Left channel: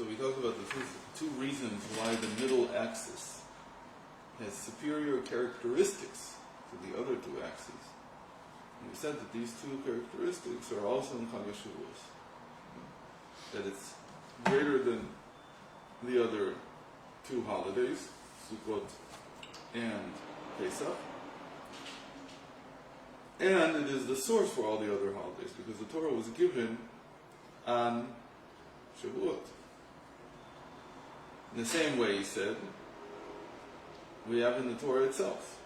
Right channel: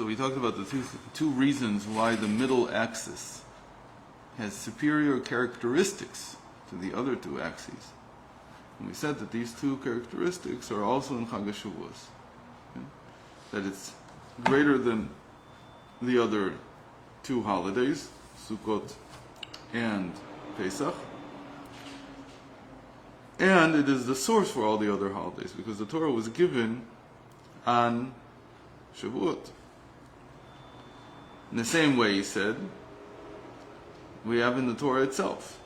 So we talked about the two reasons why the middle axis has superior characteristics to the other two axes. And we said that these two characteristics are also in Chag HaShavuos. That it's greater than the other two holidays, Sukkot and Pesach. And it is the source for all the other holidays, because the Torah was given on Shavuot. In the same way, he said, we have in the Torah itself,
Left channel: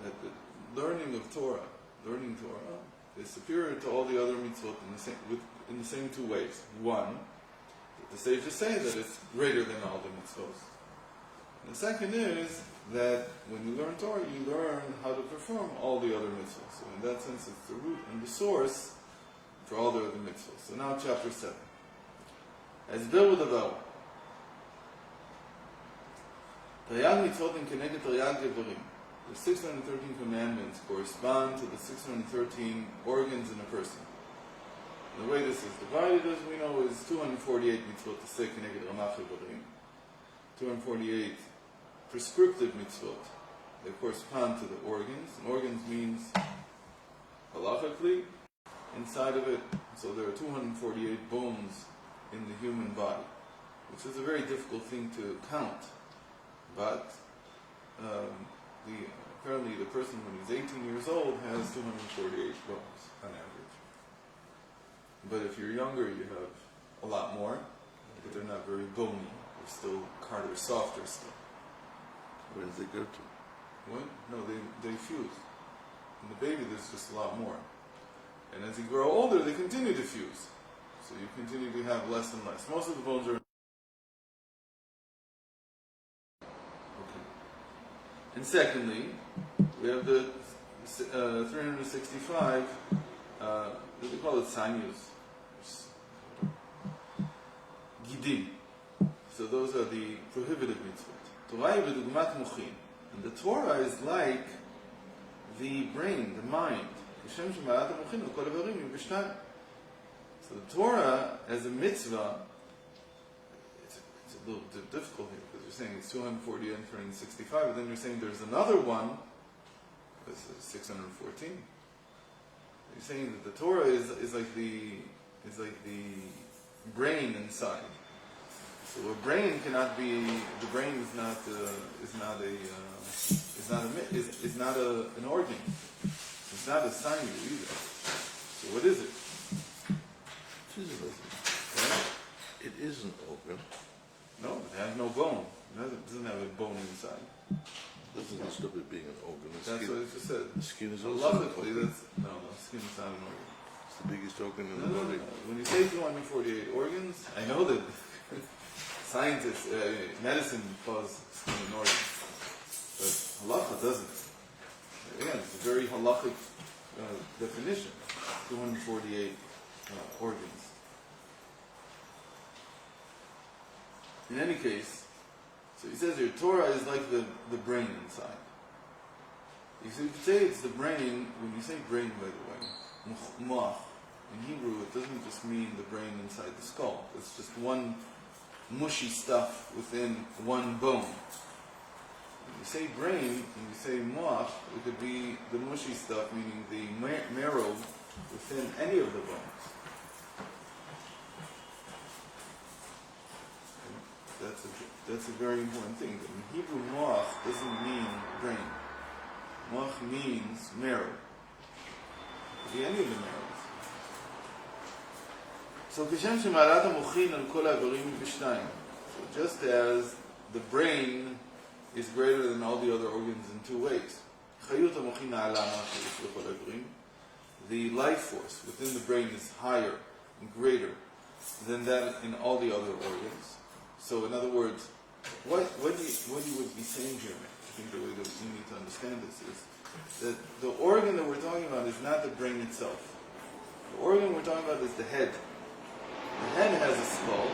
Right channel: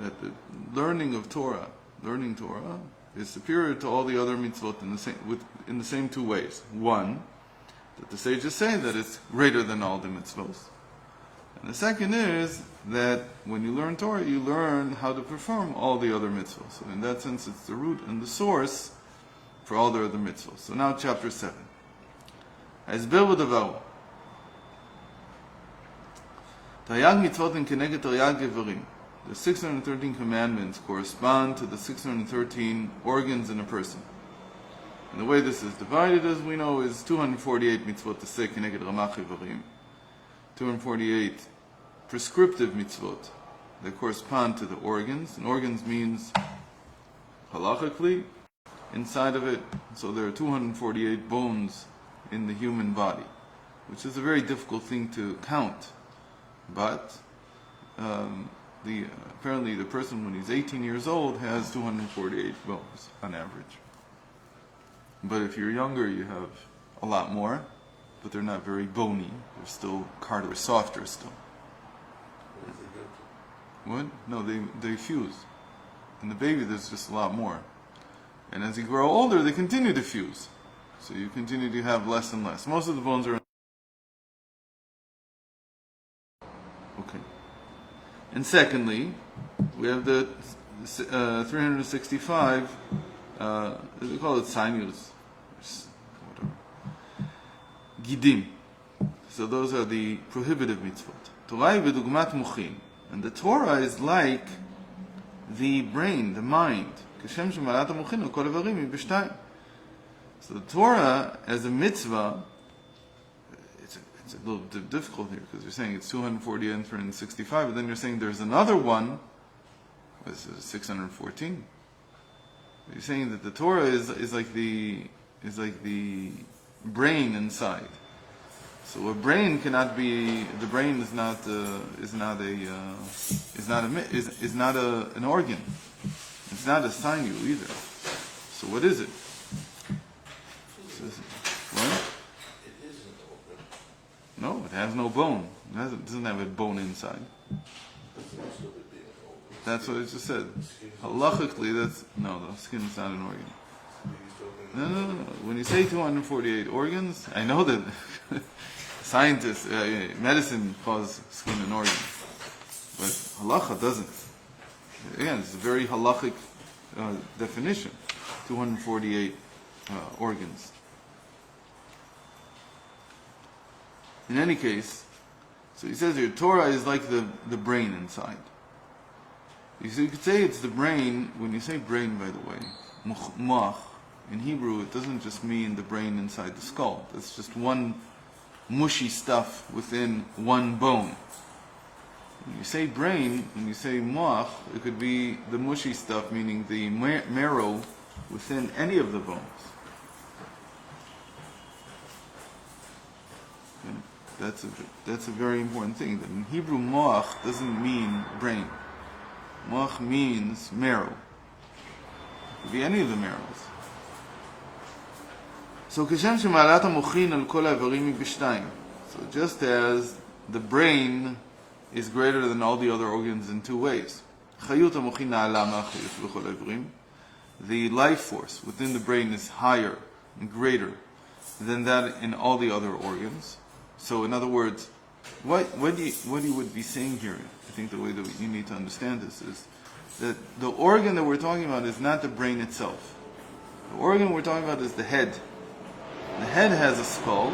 that the learning Torah is superior to all the other mitzvot in the same two ways. One, that the sages say that it's greater than all the mitzvot. And the second is that when you learn Torah, you learn how to perform all the other mitzvot. So in that sense, it's the root and the source for all the other mitzvot. So now chapter 7. Hasber v'davar. Tayag mitzvot in keneged taryag gevarim. The 613 commandments correspond to the 613 organs in a person. And the way this is divided, as we know, is 248 mitzvot to say keneged ramach gevarim. 248 prescriptive mitzvot that correspond to the organs. And organs means halachically inside of it. So there are 248 bones in the human body, which is a very difficult thing to count. But apparently the person when he's 18 years old has 248 bones on average. But if you're younger, you have a lot more, but they're not very bony. They're still softer still. Where does it go to? What? No, they fuse. In the baby, there's just a lot more. And as you grow older, they continue to fuse. So you continue to have less and less. Most of the bones are... Okay. And secondly, we have the 365, we call it sinus. Gidim. So those are the prohibitive mitzvot. Torah v'dugmat muchin. And the Torah is like the brain, the mind. So the Torah, as a mitzvah, it's a little bit difficult here, because you're saying it's 240 and 365, but then you're saying there's another one, this is 614. You're saying that the Torah is like the brain inside. So a brain cannot be. The brain is not an organ. It's not a sinew either. So what is it? What? It isn't organ. No, it has no bone. It doesn't have a bone inside. Doesn't stop it being an organ. That's what it just said. The skin is Halachically, the skin is not an organ. It's the biggest organ in the body. No. When you say 248 organs, I know that scientists, medicine calls skin an organ, but halacha doesn't. Again, it's a very halachic definition. 248 organs. In any case, so he says here, Torah is like the brain inside. You could say it's the brain. When you say brain, by the way, moach, in Hebrew, it doesn't just mean the brain inside the skull. It's just one mushy stuff within one bone. When you say brain, when you say moach, it could be the mushy stuff, meaning the marrow within any of the bones. Okay. That's a very important thing. In Hebrew, moach doesn't mean brain. Moach means marrow. It could be any of the marrows. So כשם שמעלת המוחין על כל האיברים היא בשתיים. So just as the brain is greater than all the other organs in two ways. חיות המוחין נעלה מהחיות בכל האיברים. The life force within the brain is higher and greater than that in all the other organs. So in other words, what you would be saying here, I think the way that you need to understand this is that the organ that we're talking about is not the brain itself. The organ we're talking about is the head. The head has a skull,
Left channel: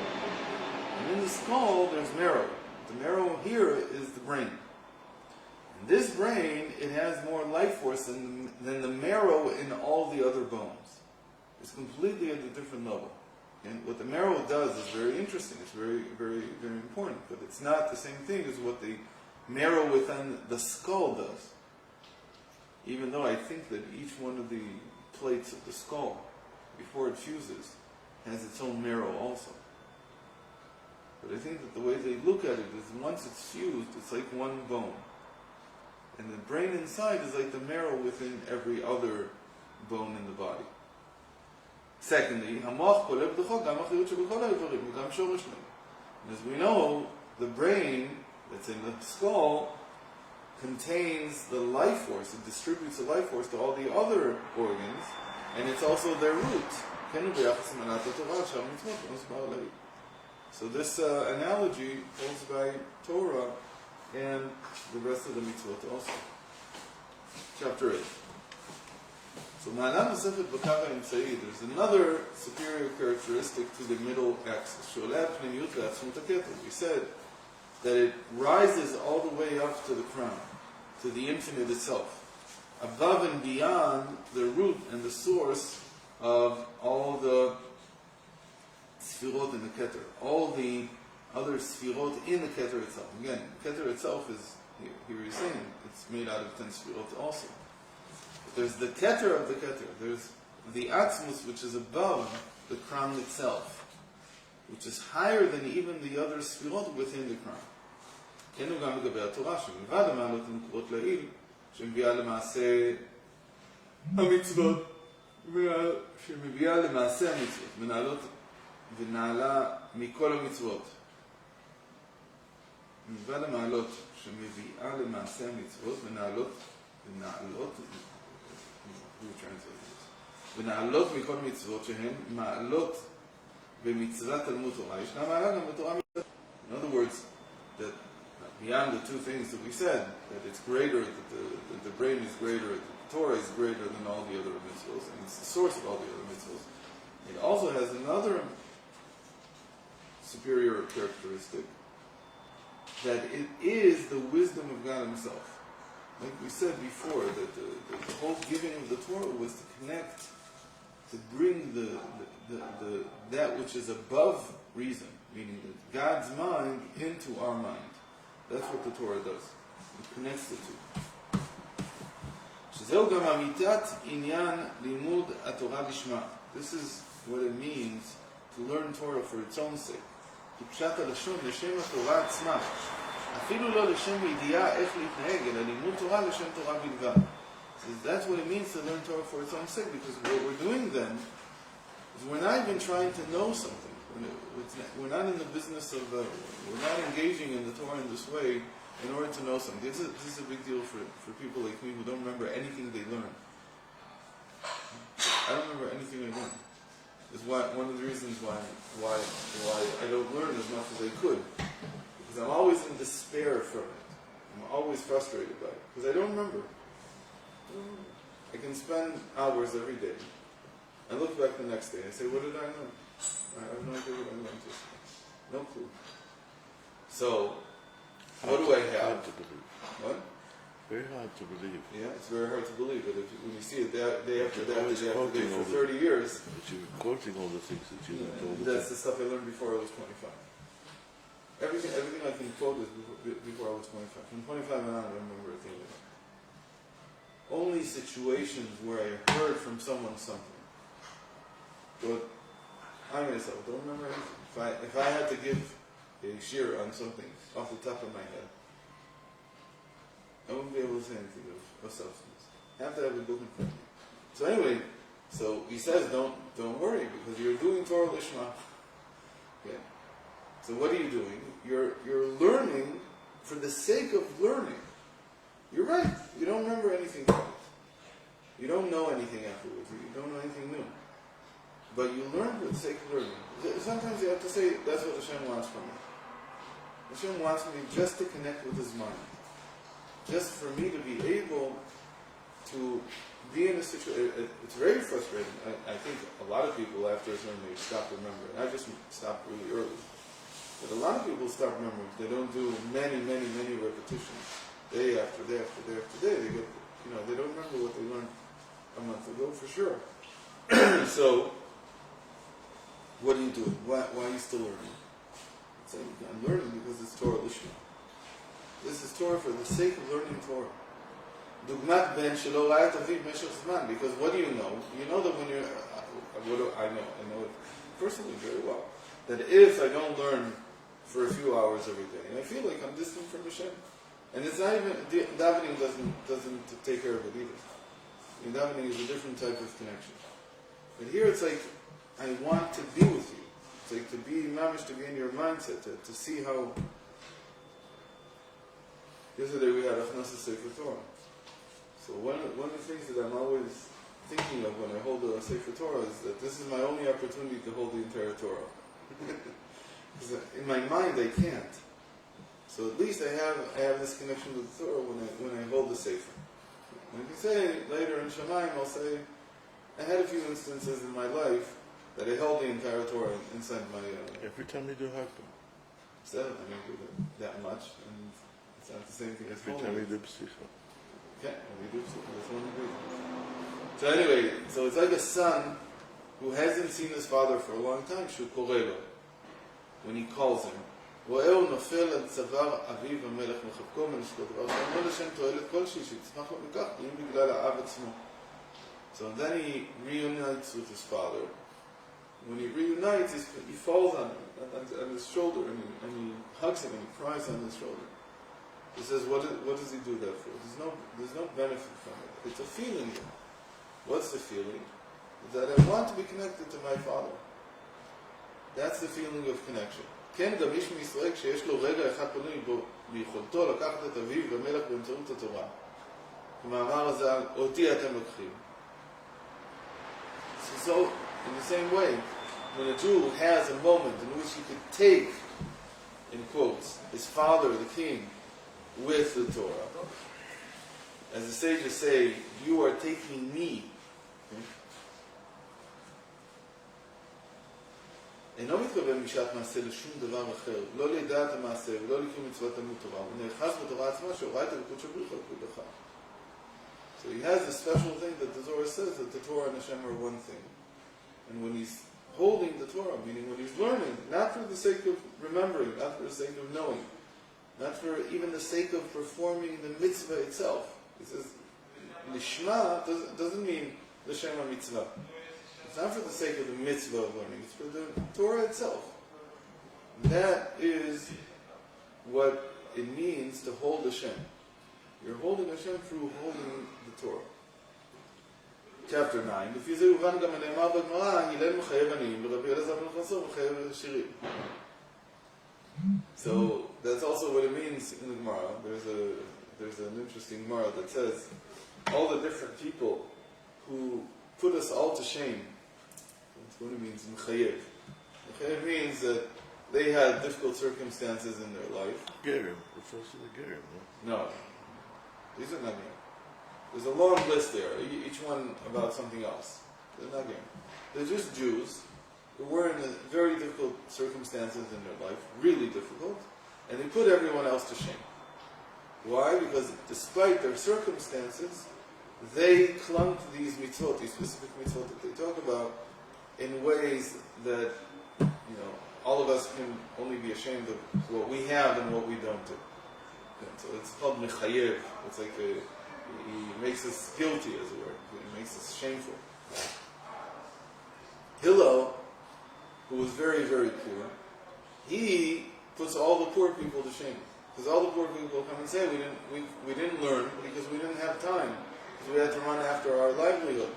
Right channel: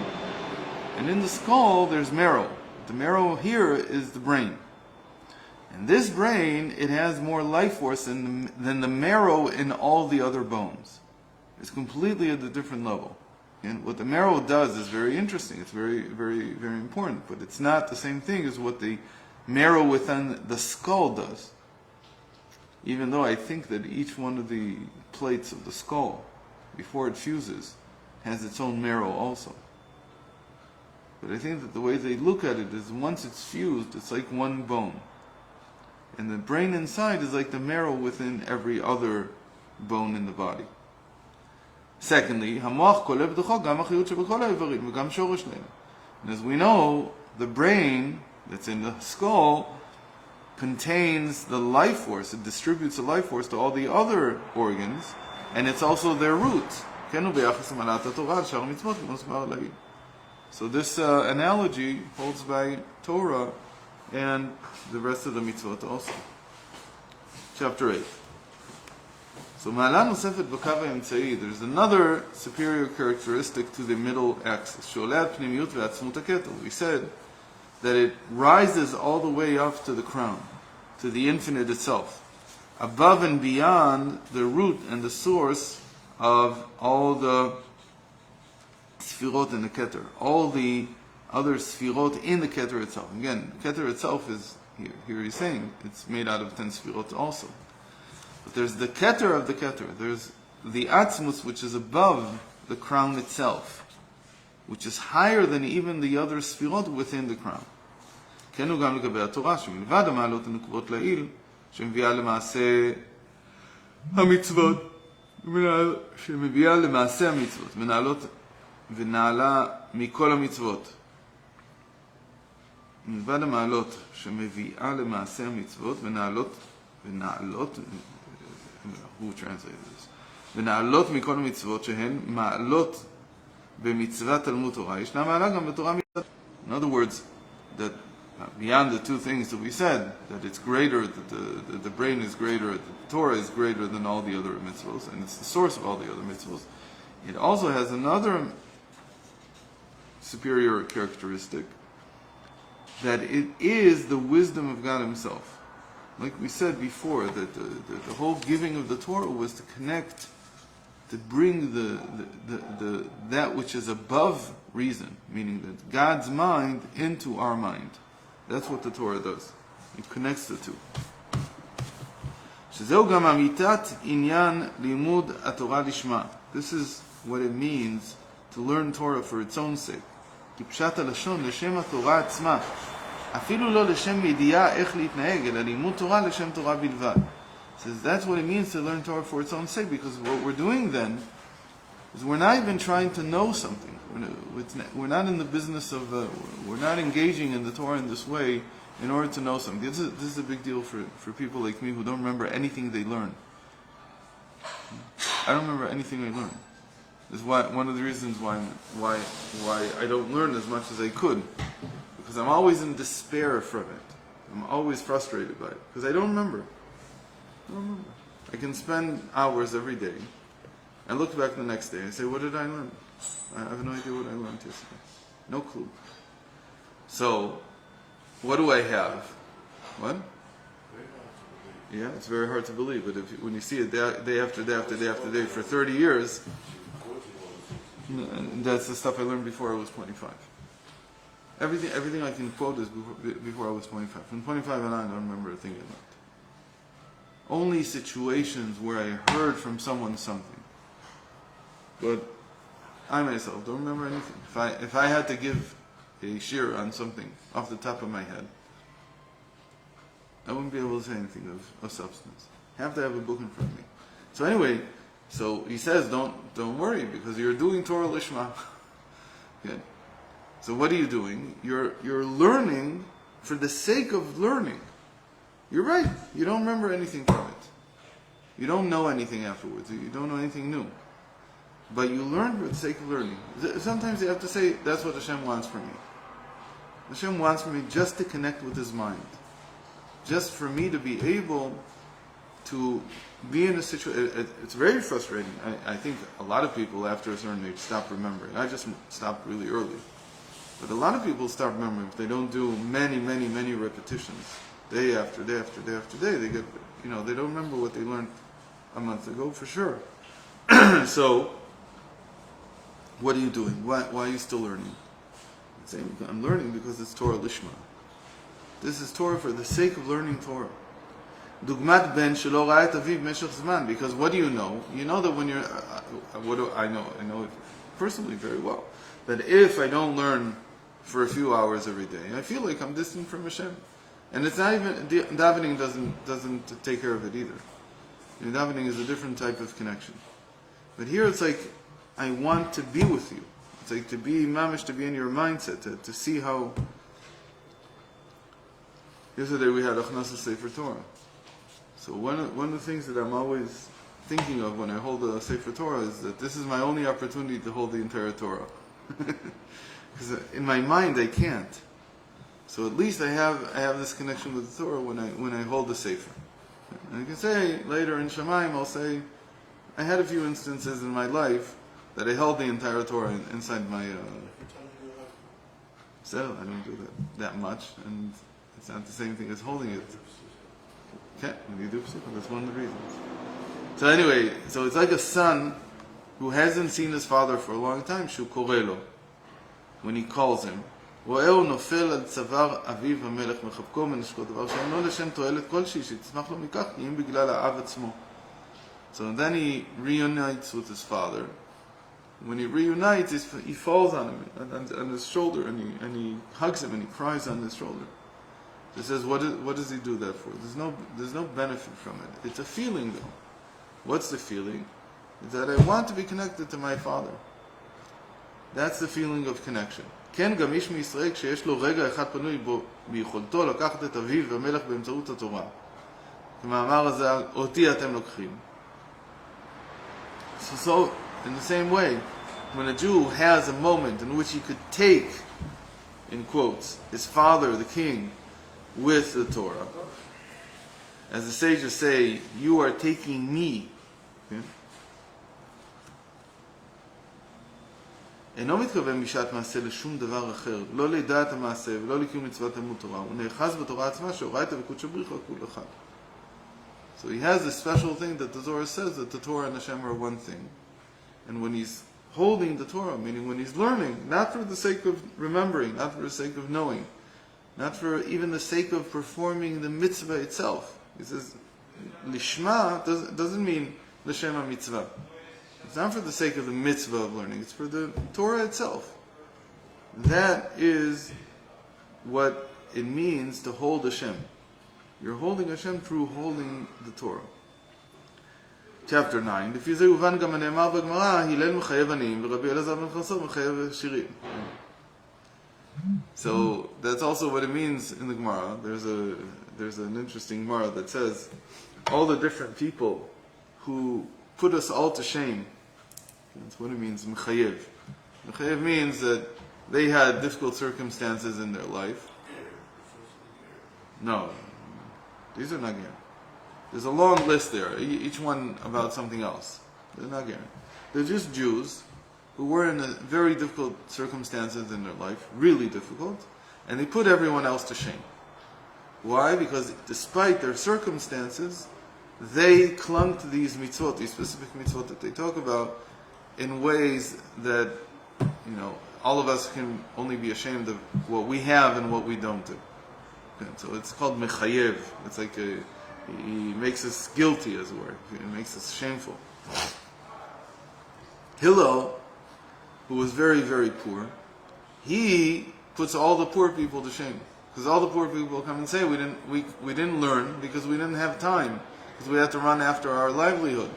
and in the skull there's marrow. The marrow here is the brain. And this brain, it has more life force than the marrow in all the other bones. It's completely at a different level. And what the marrow does is very interesting. It's very, very, very important. But it's not the same thing as what the marrow within the skull does. Even though I think that each one of the plates of the skull, before it fuses, has its own marrow also. But I think that the way they look at it is once it's fused, it's like one bone. And the brain inside is like the marrow within every other bone in the body. Secondly, המוח כולל בתוכו גם החיות שבכל האיברים וגם שורש להם. And as we know, the brain that's in the skull contains the life force. It distributes the life force to all the other organs, and it's also their root. כן, וביחס למעלת התורה על שאר המצוות מוסבר לעיל. So this analogy holds by Torah and the rest of the mitzvot also. Chapter 8. So מעלה נוספת בקו האמצעי, there's another superior characteristic to the middle axis. שעולה על פנימיות ועצמות הכתר. We said that it rises all the way up to the crown, to the infinite itself, above and beyond the root and the source of all the sfirot in the keter, all the other sfirot in the keter itself. Again, the keter itself is, here he's saying, it's made out of 10 sfirot also. But there's the keter of the keter, there's the atzmus which is above the crown itself, which is higher than even the other sfirot within the crown. כן הוא גם לגבי התורה, שמלבד המעלות הנקובות לעיל, שמביאה למעשה המצוות, שמביאה למעשה המצוות, מנהלות ונעלה מכל המצוות. מלבד המעלות שמביאה למעשה המצוות, ונעלות, who translated this? ונעלות מכל המצוות שהן מעלות במצוות תלמוד תורה, ישנה מעלה גם בתורה מצוות. In other words, that beyond the two things that we said, that it's greater, that the brain is greater, that the Torah is greater than all the other mitzvahs, and it's the source of all the other mitzvahs, it also has another superior characteristic, that it is the wisdom of God Himself. Like we said before, that the whole giving of the Torah was to connect, to bring the that which is above reason, meaning that God's mind into our mind. That's what the Torah does. It connects the two. שזהו גם אמיתת עניין לימוד התורה לשמה. This is what it means to learn Torah for its own sake. כי פשט הלשון לשם התורה עצמה. אפילו לא לשם ידיעה איך להתנהג, אלא לימוד תורה לשם תורה בלבד. Says that's what it means to learn Torah for its own sake, because what we're doing then is we're not even trying to know something. We're not in the business of, we're not engaging in the Torah in this way in order to know something. This is a big deal for people like me who don't remember anything they learn. I don't remember anything I learned. This is one of the reasons why I don't learn as much as I could. Because I'm always in despair from it. I'm always frustrated by it. Because I don't remember. I can spend hours every day. I look back the next day and say, what did I learn? I have no idea what I learned yesterday. No clue. So, what do I have? What? Very hard to believe. Yeah, it's very hard to believe. But when you see it day after day after day after day for 30 years, Quoting all the things that you and that's the stuff I learned before I was 25. Everything I can quote is before I was 25. From 25 and on, I don't remember a thing I learned. Only situations where I heard from someone something. But I myself don't remember anything. If I had to give a shir on something off the top of my head, I wouldn't be able to say anything of substance. I have to have a book in front of me. So anyway, so he says, don't worry, because you're doing Torah Lishma. Okay. So what are you doing? You're learning for the sake of learning. You're right. You don't remember anything from it. You don't know anything afterwards. You don't know anything new. But you learn for the sake of learning. Sometimes you have to say, that's what Hashem wants from me. Hashem wants from me just to connect with His mind. Just for me to be able to be in a situation. It's very frustrating. I think a lot of people after a certain age stop remembering. I just stopped really early. But a lot of people stop remembering if they don't do many repetitions. Day after day after day after day. They get, they don't remember what they learned a month ago for sure. So, what are you doing? Why are you still learning? Saying, I'm learning because it's Torah Lishma. This is Torah for the sake of learning Torah. Dugmat ben shelo ra'a et aviv meshech zman. Because what do you know? You know that when you're... what do I know? I know it personally very well. That if I don't learn for a few hours every day, I feel like I'm distant from Hashem. And it's not even... Davening doesn't take care of it either. Davening is a different type of connection. But here it's like, I want to be with you. It's like to be mamish, to be in your mindset, to see how... Yesterday we had Achnasa Sefer Torah. So one of the things that I'm always thinking of when I hold a Sefer Torah is that this is my only opportunity to hold the entire Torah. Because in my mind I can't. So at least I have this connection with the Torah when I hold the Sefer. And I can say later in Shamayim, I'll say, I had a few instances in my life that I held the entire Torah inside my... Every time you do happen. So I don't do that much, and it's not the same thing as holding it. Okay, when you do Sichot, that's one of the reasons. So anyway, so it's like a son who hasn't seen his father for a long time, shu korelo, when he calls him. רואה הוא נופל על צוואר אביו המלך מחבקו מנשקו דבר שאינו לשם תועלת כלשהי שיצמח לו מכך אם בגלל האב עצמו. So then he reunites with his father. When he reunites, he falls on him, on his shoulder, and he hugs him and he cries on his shoulder. He says, what does he do that for? There's no benefit from it. It's a feeling. What's the feeling? It's that I want to be connected to my father. That's the feeling of connection. כן, גם איש מישראל כשיש לו רגע אחד פנוי בו ביכולתו לקחת את אביו ומלך באמצעות התורה. כמאמר הזה, אותי אתם לוקחים. So, in the same way, when a Jew has a moment in which he could take, in quotes, his father, the king, with the Torah, as the sages say, you are taking me. אינו מתכוון משעת מעשה לשום דבר אחר, לא לידעת המעשה ולא לקיום מצוות תלמוד תורה, הוא נאחז בתורה עצמה שהוראה את הליקוט שבריך על כול אחד. So he has this special thing that the Torah says that the Torah and Hashem are one thing. And when he's holding the Torah, meaning when he's learning, not for the sake of remembering, not for the sake of knowing, not for even the sake of performing the mitzvah itself. He says, Lishma doesn't mean L'shem mitzvah. It's not for the sake of the mitzvah of learning, it's for the Torah itself. That is what it means to hold Hashem. You're holding Hashem through holding the Torah. Chapter 9. לפי זה הובן גם הנאמר בגמרא, הלל מחייב עניים, ורבי אלעזר בן חסור מחייב עשירים. So that's also what it means in the Gemara. There's an interesting Gemara that says all the different people who put us all to shame. That's what it means, mechayev. Mechayev means that they had difficult circumstances in their life. Ger, refers to the ger. No, these are not ger. There's a long list there, each one about something else. They're not ger. They're just Jews who were in very difficult circumstances in their life, really difficult, and they put everyone else to shame. Why? Because despite their circumstances, they clung to these mitzvot, these specific mitzvot that they talk about, in ways that, all of us can only be ashamed of what we have and what we don't do. So it's called mechayev. It's like he makes us guilty, as it were. He makes us shameful. Hillel, who was very, very poor, he puts all the poor people to shame. Because all the poor people come and say, we didn't learn because we didn't have time. Because we had to run after our livelihood.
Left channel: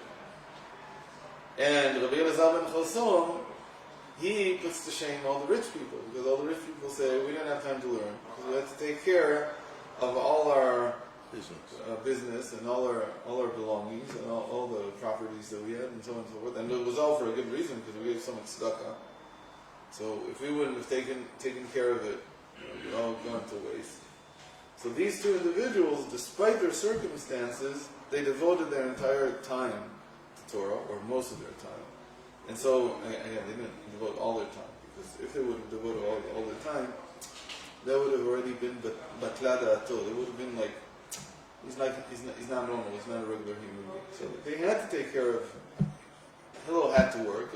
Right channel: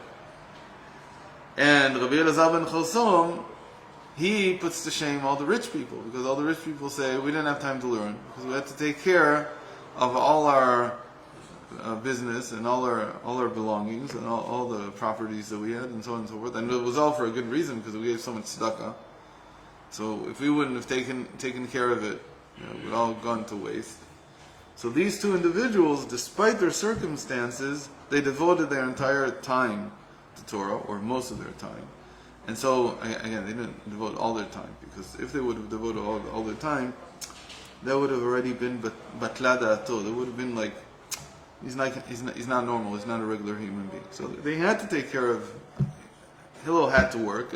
And Rabbi Elazar ben Chosom, he puts to shame all the rich people, because all the rich people say, we didn't have time to learn, because we had to take care of all our business and all our belongings and all the properties that we had and so on and so forth. And it was all for a good reason, because we gave so much tzedakah. So if we wouldn't have taken care of it, it would all gone to waste. So these two individuals, despite their circumstances, they devoted their entire time to Torah, or most of their time. And so, again, they didn't devote all their time, because if they would have devoted all their time, that would have already been batla da'ato. It would have been like, he's not normal, he's not a regular human being. So they had to take care of, Hillel had to work,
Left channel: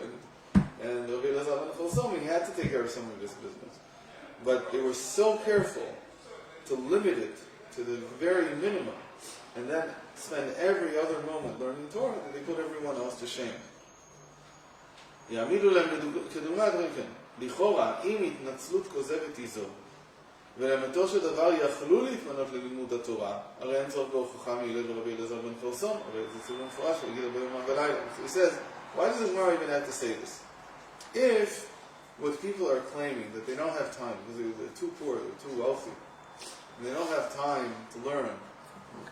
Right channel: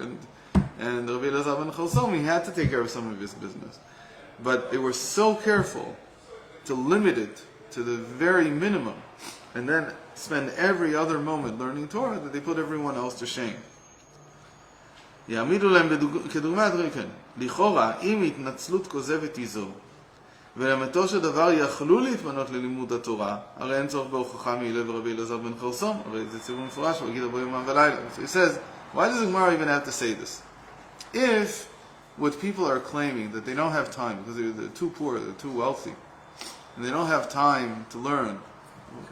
and Rabbi Elazar ben Chosom, he had to take care of some of his business. But they were so careful to limit it to the very minimum, and then spend every other moment learning Torah, that they put everyone else to shame. יעמידו להם כדוגמה דברים כן. לכאורה, אם התנצלות כוזבת היא זו, ולאמיתו של דבר יכלו להתמנות ללימוד התורה, הרי אין צורך בהוכחה מהלל ורבי אלעזר בן חרסום, הרי זה ציבור מפורש, ויגיד הרבה יומם ולילה. So he says, why does the Gemara even have to say this? If what people are claiming, that they don't have time, because they're too poor, they're too wealthy, and they don't have time to learn.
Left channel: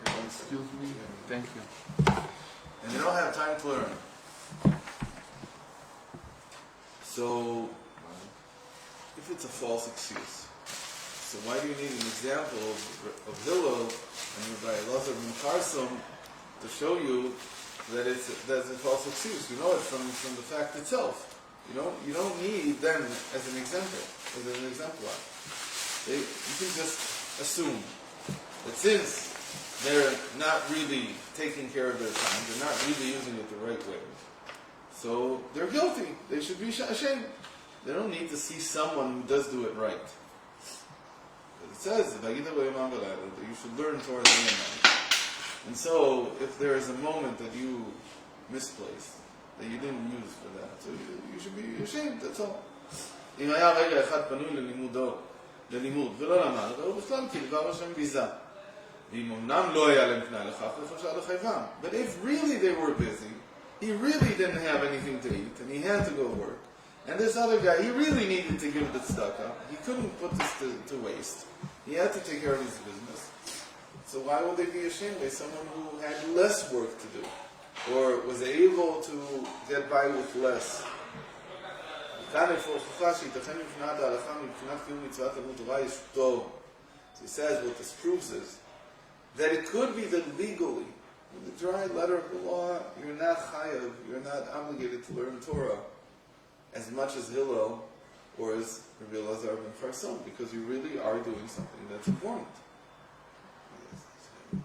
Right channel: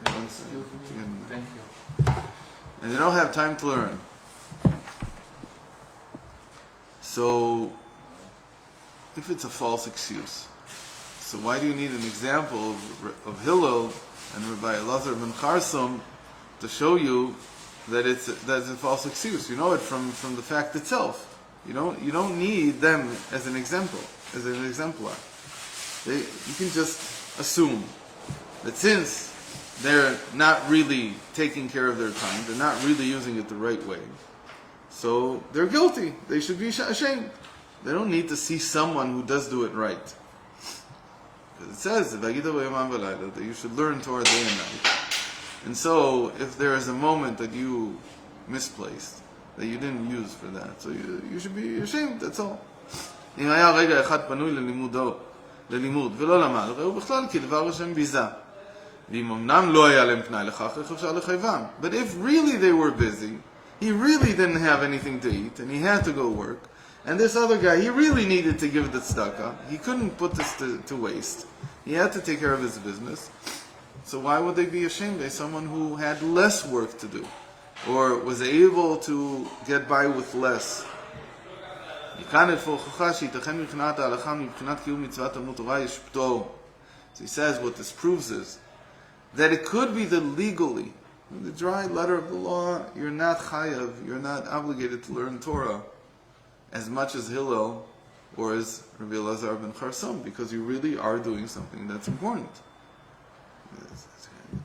Okay, excuse me. Thank you. And they don't have time to learn. So, if it's a false excuse, so why do you need an example of Hillel and Rabbi Elazar ben Charsum to show you that it's a false excuse? You know it from the fact itself. You don't need them as an example, as an exemplar. You can just assume that since they're not really taking care of their time, they're not really using it the right way, so they're guilty. They should be ashamed. They don't need to see someone who does do it right. It says that you should learn Torah day and night. And so, if there is a moment that you misplaced, that you didn't use for that, so you should be ashamed, that's all. אם היה רגע אחד פנוי ללימוד ולא למד, ראו בכלל כדבר השם ביזה. ואם אמנם לא היה להם פנאי לכך, איך אפשר לחייבם? But if really they were busy, he really didn't have anything to eat, and he had to go work, and this other guy, he really needed to give the tzedakah, he couldn't put this to waste, he had to take care of his business, so why would they be ashamed? They're someone who had less work to do, or was able to get by with less. So he says what this proves is that it could be that legally, in the dry letter of the law, you're not chayav, you're not obligated to learn Torah as much as Hillel or as Rabbi Elazar ben Charsum, because you really are doing something that's important.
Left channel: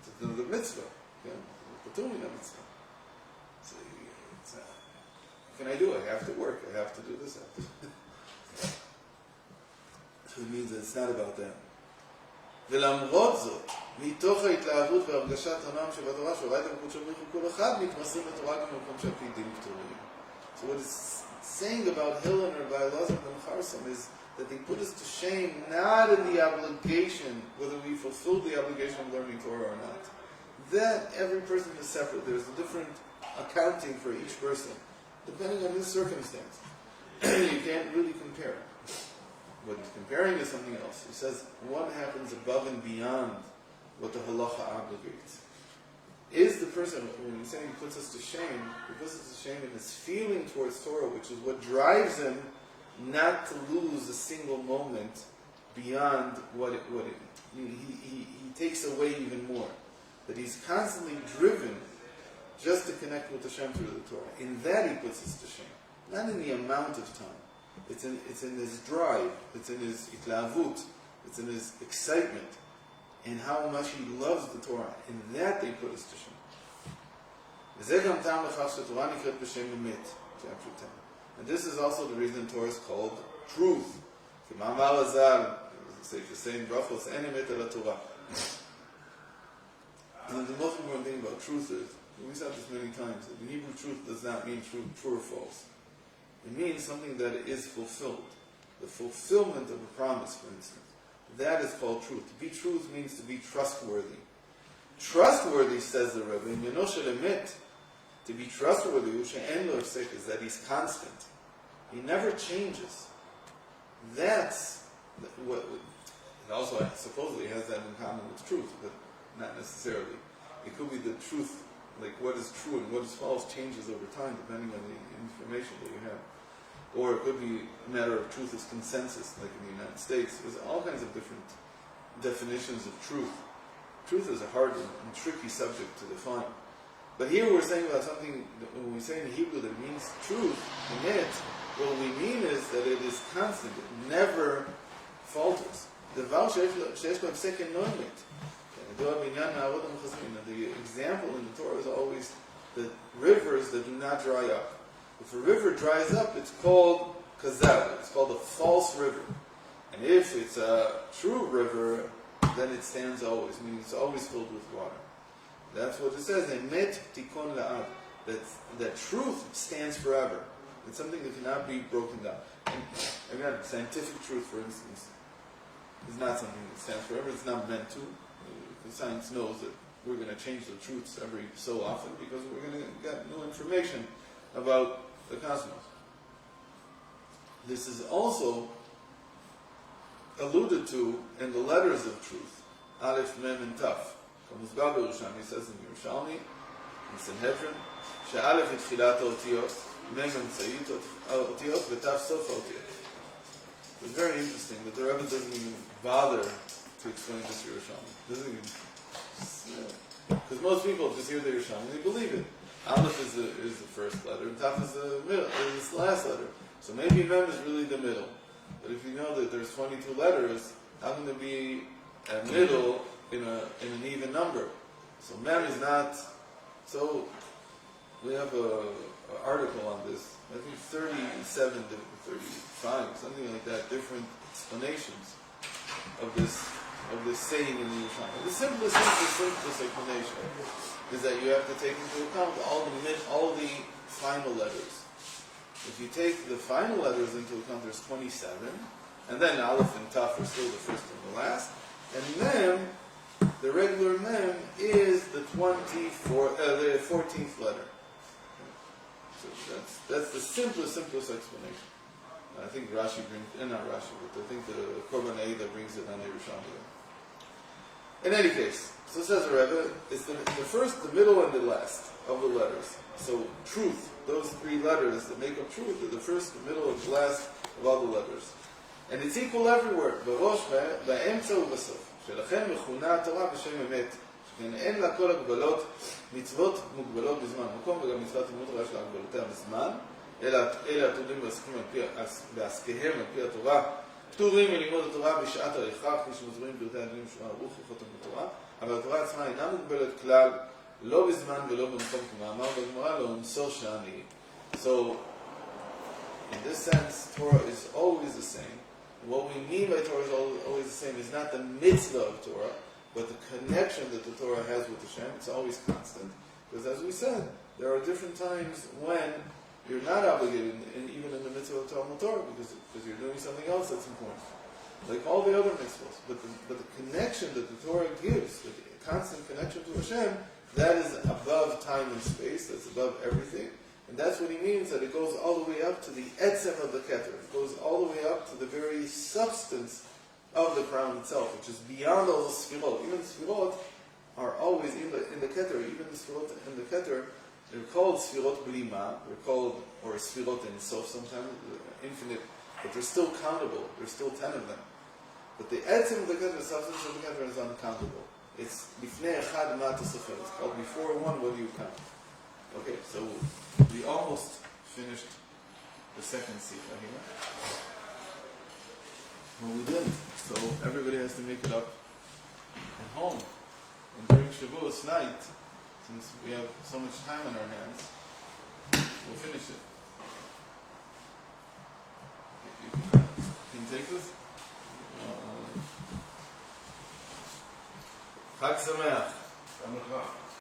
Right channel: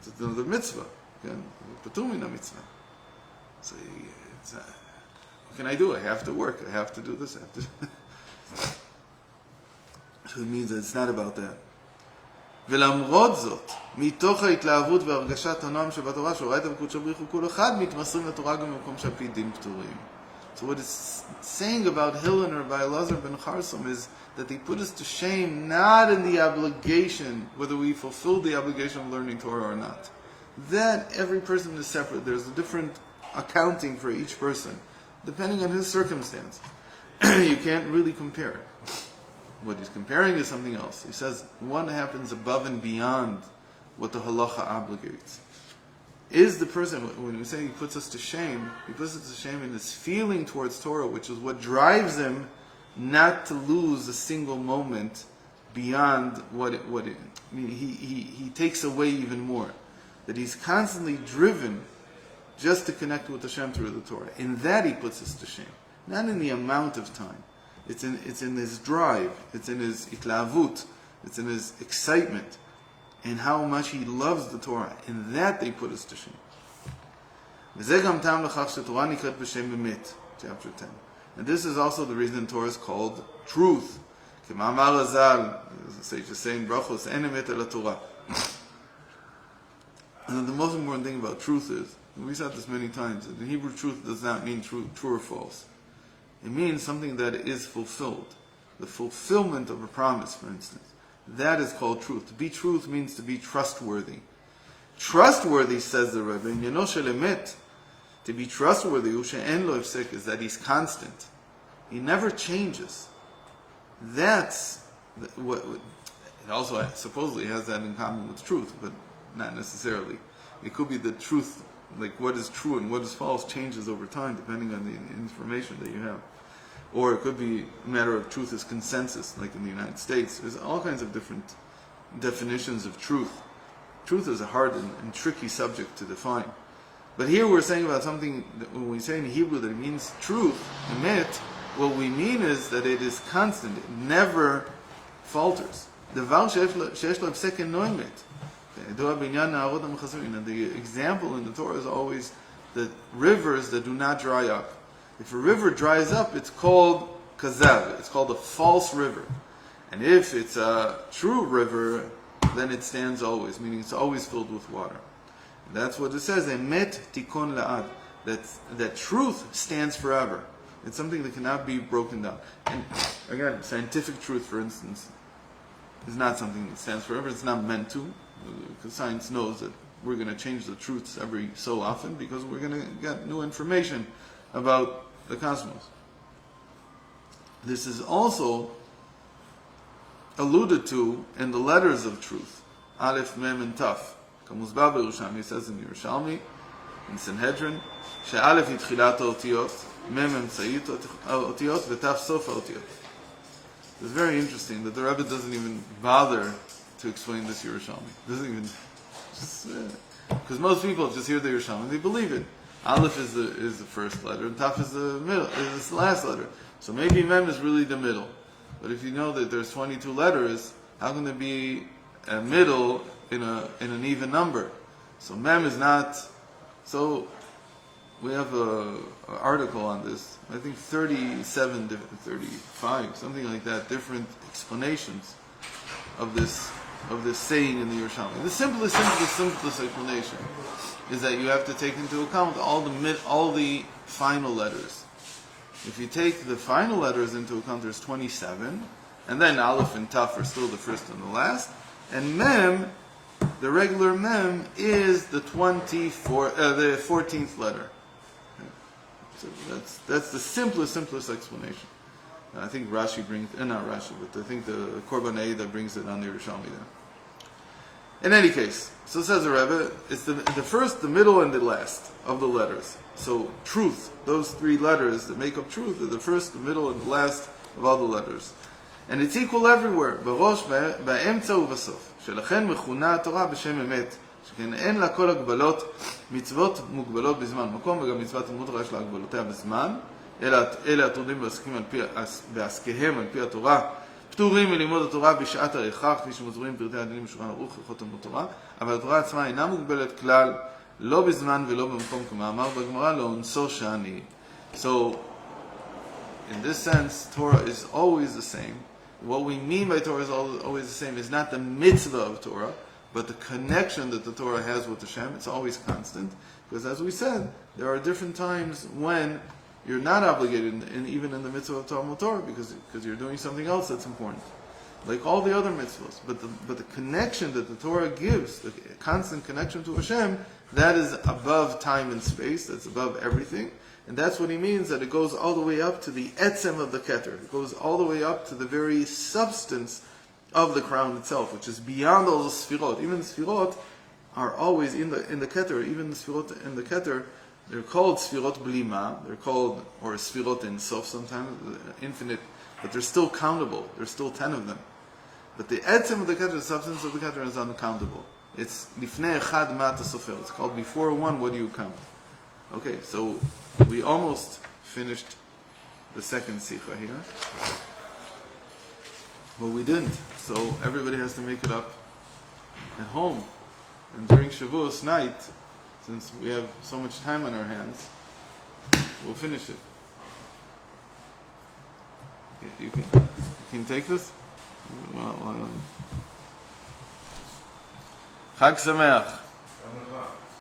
It's another mitzvah. Patur min mitzvah. So what can I do? I have to work. I have to do this. I have to. So it means that it's not about that. ולמרות זאת, מתוך ההתלהבות והרגשת הנועם שבתורה, שהוא ראה את המלכות שבריך וכל אחד מתמסרים לתורה גם במקום שעל פי דין פטורים. So what it's saying about Hillel and Rabbi Elazar ben Charsum is that they put us to shame not in the obligation, whether we fulfill the obligation of learning Torah or not. That every person is separate. There's a different accounting for each person, depending on his circumstance. You can't really compare. What he's comparing is something else. He says one happens above and beyond what the halacha obligates. Is the person, when we say he puts us to shame, he puts us to shame in his feeling towards Torah, which is what drives him not to lose a single moment beyond he takes away even more. That he's constantly driven just to connect with Hashem through the Torah. In that he puts us to shame. Not in the amount of time. It's in his drive, it's in his itlavut, it's in his excitement, and how much he loves the Torah. In that they put us to shame. וזה גם טעם לכך שתורה נקראת בשם אמת, chapter 10. And this is also the reason Torah is called truth. כמאמר הז"ל, the sage is saying, brachos, אין אמת אלא תורה. And the most important thing about truth is, we said this many times, that the Hebrew truth does not mean true or false. It means something that is fulfilled. The fulfillment of a promise, for instance. That is called truth. To be truth means to be trustworthy. Trustworthy, says the Rebbe, in Yeno shel emet, to be trustworthy, she'en lo ifsek, is that he's constant. He never changes. That's what it also supposedly has that in common with truth, but not necessarily. It could be the truth, like what is true and what is false, changes over time depending on the information that you have. Or it could be a matter of truth as consensus, like in the United States. There's all kinds of different definitions of truth. Truth is a hard and tricky subject to define. But here we're saying about something, when we say in Hebrew that it means truth, emet, what we mean is that it is constant, it never falters. דבר שיש לו הפסק אינו אמת. The example in the Torah is always the rivers that do not dry up. If a river dries up, it's called kazav. It's called a false river. And if it's a true river, then it stands always, meaning it's always filled with water. That's what it says, emet tikon la'ad. That truth stands forever. It's something that cannot be broken down. And again, scientific truth, for instance, is not something that stands forever. It's not meant to, because science knows that we're going to change the truths every so often because we're going to get new information about the cosmos. This is also alluded to in the letters of truth, Aleph, Mem, and Taf. Kamuzba Yerushalmi says in Yerushalmi, in Sanhedrin, she'Aleph היא תחילת האותיות, Mem אמצעית האותיות, ותף סוף האותיות. It's very interesting that the Rebbe doesn't even bother to explain this Yerushalmi. Doesn't even, because most people just hear the Yerushalmi, they believe it. Aleph is the first letter, and Taf is the middle, is the last letter. So maybe Mem is really the middle. But if you know that there's 22 letters, how can there be a middle in an even number? So Mem is not. So we have an article on this. I think 37, 35, something like that, different explanations of this saying in the Yerushalmi. The simplest explanation is that you have to take into account all the final letters. If you take the final letters into account, there's 27, and then Aleph and Taf are still the first and the last, and Mem, the regular Mem, is the 14th letter. So that's the simplest explanation. I think Rashi brings, not Rashi, but I think the Korban Eidah brings it on the Yerushalmi there. In any case, so says the Rebbe, it's the first, the middle, and the last of the letters. So truth, those three letters that make up truth, are the first, the middle, and the last of all the letters. And it's equal everywhere. בראש, באמצע ובסוף. שלכן מכונה התורה בשם אמת. שכן אין לה כל הגבלות, מצוות מוגבלות בזמן מקום, וגם מצוות תלמוד תורה יש לה הגבלותיה בזמן. אלה התורדים בעסקיהם על פי התורה. פטורים מלימוד התורה בשעת ההכרח, כפי שמוסברים פרטי הדינים בשולחן ערוך, הלכות תלמוד תורה, אבל התורה עצמה אינה מוגבלת כלל, לא בזמן ולא במקום, כמאמר בגמרא, לאונסו שאני. So, in this sense, Torah is always the same. What we mean by Torah is always the same. It's not the mitzvah of Torah, but the connection that the Torah has with Hashem. It's always constant. Because as we said, there are different times when you're not obligated, and even in the mitzvah of Talmud Torah, because you're doing something else that's important, like all the other mitzvahs. But the connection that the Torah gives, the constant connection to Hashem, that is above time and space. That's above everything, and that's what he means that it goes all the way up to the etzem of the keter. It goes all the way up to the very substance of the crown itself, which is beyond all the sfirot. Even the sfirot are always in the keter. Even the sfirot in the keter, they're called Sfirot Blima, they're called, or Sfirot in Sof sometimes, infinite, but they're still countable. There's still 10 of them. But the etzem of the keter, the substance of the keter, is uncountable. It's Lifnei Echad Ma Sofer. It's called before one, what do you count? Okay, so we almost finished the second Sikha here. Well, we didn't. So everybody has to make it up at home. And during Shavuot night, since we have so much time on our hands, we'll finish it. You can take this? Chag Sameach.